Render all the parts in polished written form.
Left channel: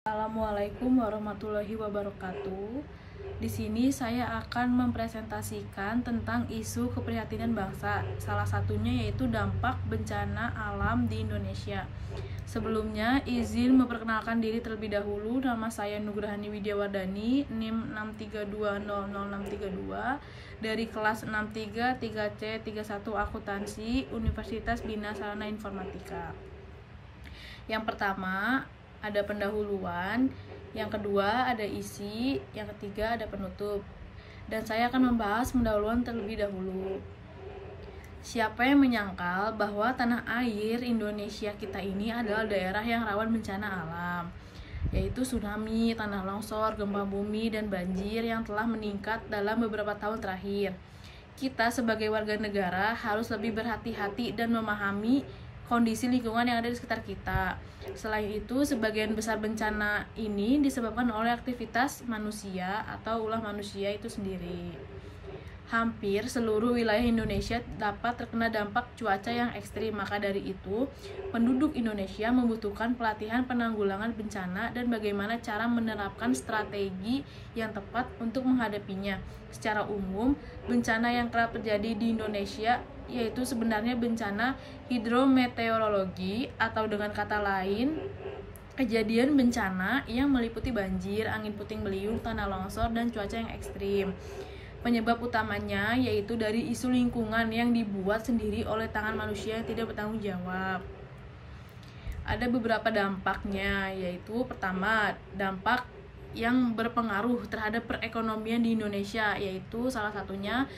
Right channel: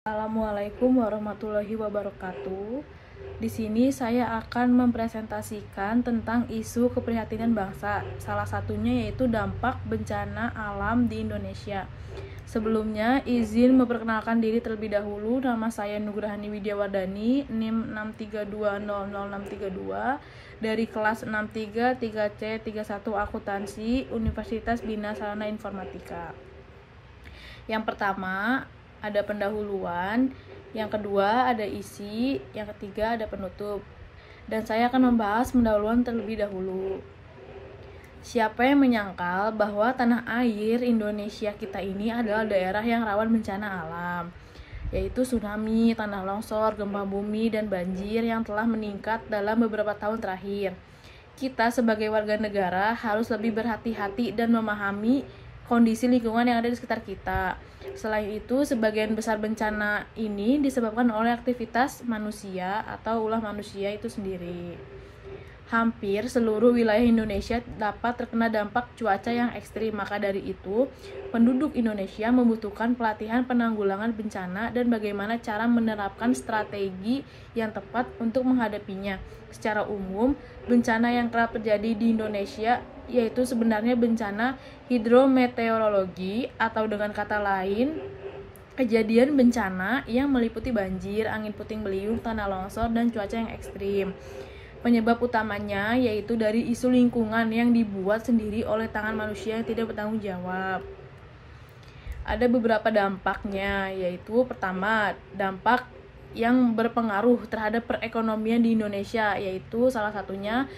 Assalamualaikum warahmatullahi wabarakatuh. Di sini saya akan mempresentasikan tentang isu keprihatinan bangsa. Salah satunya yaitu dampak bencana alam di Indonesia. Sebelumnya, izin memperkenalkan diri terlebih dahulu. Nama saya Nugrahani Widiawardani, NIM 632000632 dari kelas 63 3C 31 Akuntansi Universitas Bina Sarana Informatika. Yang pertama ada pendahuluan, yang kedua ada isi, yang ketiga ada penutup. Dan saya akan membahas pendahuluan terlebih dahulu. Siapa yang menyangkal bahwa tanah air Indonesia kita ini adalah daerah yang rawan bencana alam, yaitu tsunami, tanah longsor, gempa bumi, dan banjir yang telah meningkat dalam beberapa tahun terakhir. Kita sebagai warga negara harus lebih berhati-hati dan memahami kondisi lingkungan yang ada di sekitar kita. Selain itu, sebagian besar bencana ini disebabkan oleh aktivitas manusia atau ulah manusia itu sendiri. Hampir seluruh wilayah Indonesia dapat terkena dampak cuaca yang ekstrim. Maka dari itu, penduduk Indonesia membutuhkan pelatihan penanggulangan bencana dan bagaimana cara menerapkan strategi yang tepat untuk menghadapinya. Secara umum, bencana yang kerap terjadi di Indonesia yaitu sebenarnya bencana hidrometeorologi, atau dengan kata lain, kejadian bencana yang meliputi banjir, angin puting beliung, tanah longsor, dan cuaca yang ekstrim. Penyebab utamanya yaitu dari isu lingkungan yang dibuat sendiri oleh tangan manusia yang tidak bertanggung jawab. Ada beberapa dampaknya, yaitu pertama, dampak yang berpengaruh terhadap perekonomian di Indonesia, yaitu salah satunya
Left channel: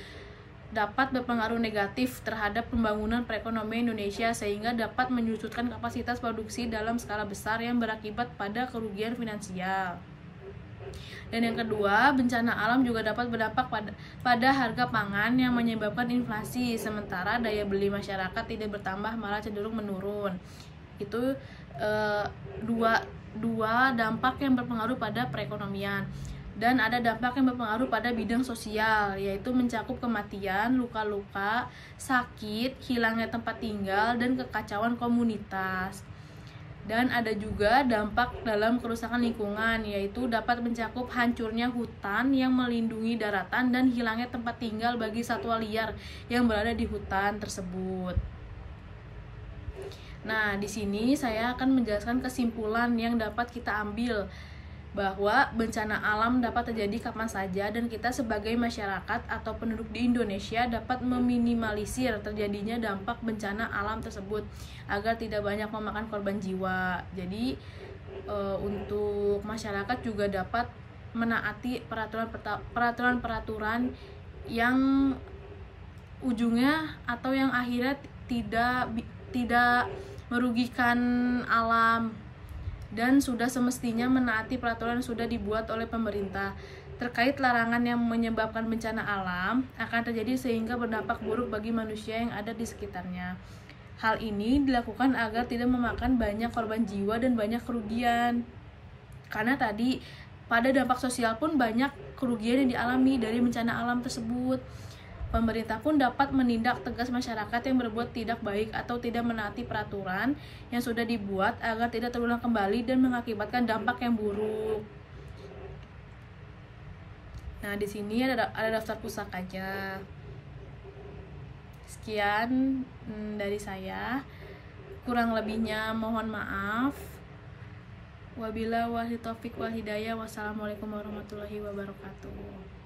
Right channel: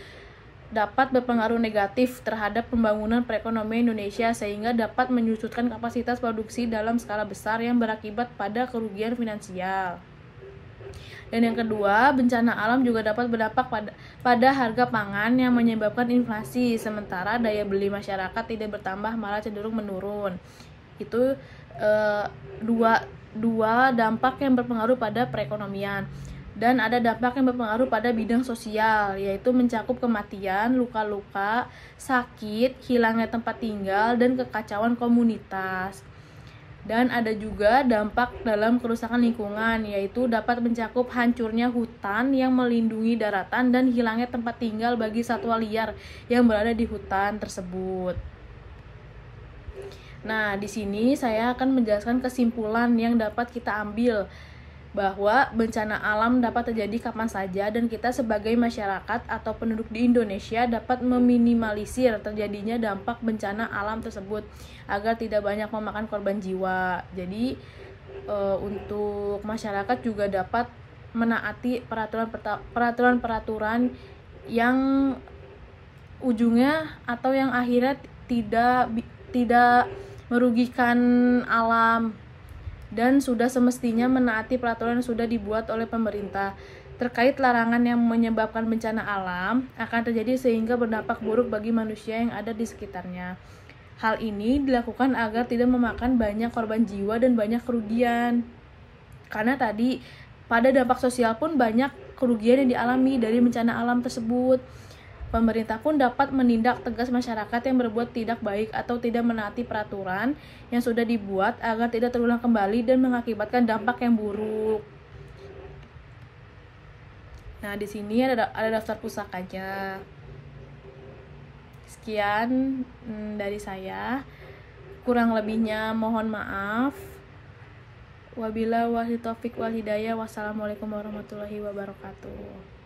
dapat berpengaruh negatif terhadap pembangunan perekonomian Indonesia sehingga dapat menyusutkan kapasitas produksi dalam skala besar yang berakibat pada kerugian finansial. Dan yang kedua, bencana alam juga dapat berdampak pada harga pangan yang menyebabkan inflasi, sementara daya beli masyarakat tidak bertambah malah cenderung menurun. Itu dua dampak yang berpengaruh pada perekonomian. Dan ada dampak yang berpengaruh pada bidang sosial, yaitu mencakup kematian, luka-luka, sakit, hilangnya tempat tinggal, dan kekacauan komunitas. Dan ada juga dampak dalam kerusakan lingkungan, yaitu dapat mencakup hancurnya hutan yang melindungi daratan dan hilangnya tempat tinggal bagi satwa liar yang berada di hutan tersebut. Nah, di sini saya akan menjelaskan kesimpulan yang dapat kita ambil bahwa bencana alam dapat terjadi kapan saja dan kita sebagai masyarakat atau penduduk di Indonesia dapat meminimalisir terjadinya dampak bencana alam tersebut agar tidak banyak memakan korban jiwa. Jadi untuk masyarakat juga dapat menaati peraturan-peraturan yang ujungnya atau yang akhirnya tidak merugikan alam, dan sudah semestinya menaati peraturan yang sudah dibuat oleh pemerintah terkait larangan yang menyebabkan bencana alam akan terjadi sehingga berdampak buruk bagi manusia yang ada di sekitarnya. Hal ini dilakukan agar tidak memakan banyak korban jiwa dan banyak kerugian. Karena tadi pada dampak sosial pun banyak kerugian yang dialami dari bencana alam tersebut. Pemerintah pun dapat menindak tegas masyarakat yang berbuat tidak baik atau tidak menaati peraturan yang sudah dibuat agar tidak terulang kembali dan mengakibatkan dampak yang buruk. Nah, di sini ada daftar pusakanya. Sekian dari saya. Kurang lebihnya mohon maaf. Wabillahi taufiq wal hidayah. Wassalamualaikum warahmatullahi wabarakatuh.